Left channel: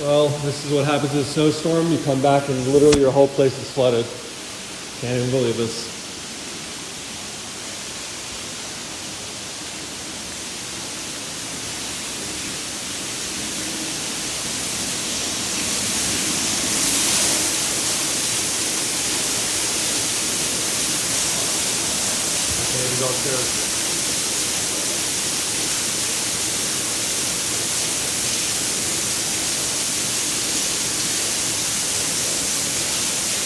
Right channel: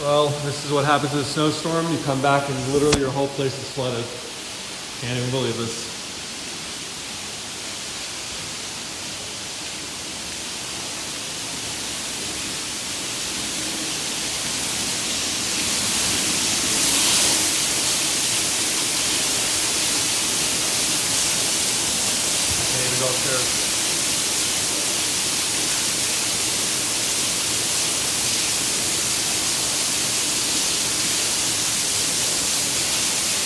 Well, this is what happens in a snowstorm. You come back and literally your whole place is flooded. Can't even believe this. Okay, we go upstairs.